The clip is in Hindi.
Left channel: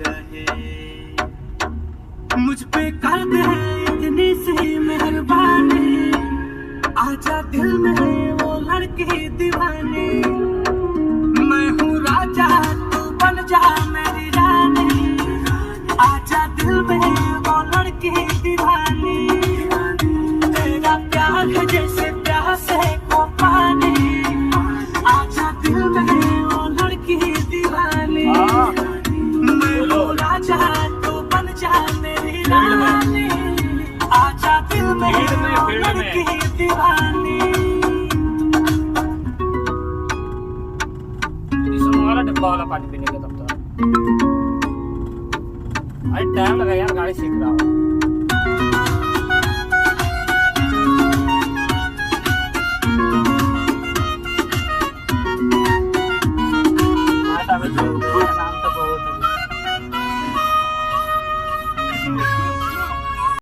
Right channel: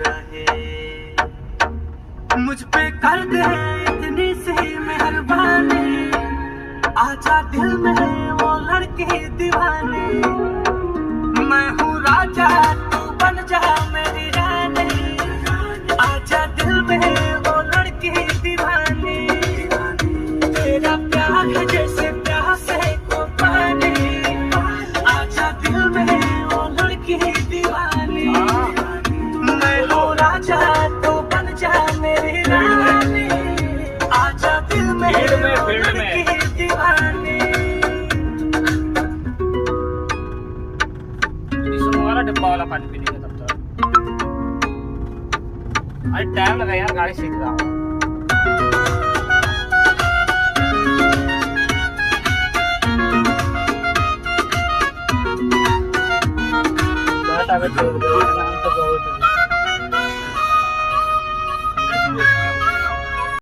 रहे। मुझ पे कर दे इतनी सी मेहरबानी, आजा दिल में वो लड़के दीवाने। मैं हूँ राजा तू बन जा मेरी रानी, आजा दिल में वो लड़के दीवाने। तेरा प्यार है जैसे प्यासे को पानी, आजा दिल में वो लड़के दीवाने। मैं हूँ राजा तू बन जा मेरी रानी, आजा दिल में वो लड़के दीवाने। इसमें वाला डब्बा वाला पानी पीने का तब तक। अरे टाइम लगा यार, गाड़ी सीख रहा हूँ। नाम तो बहुत है।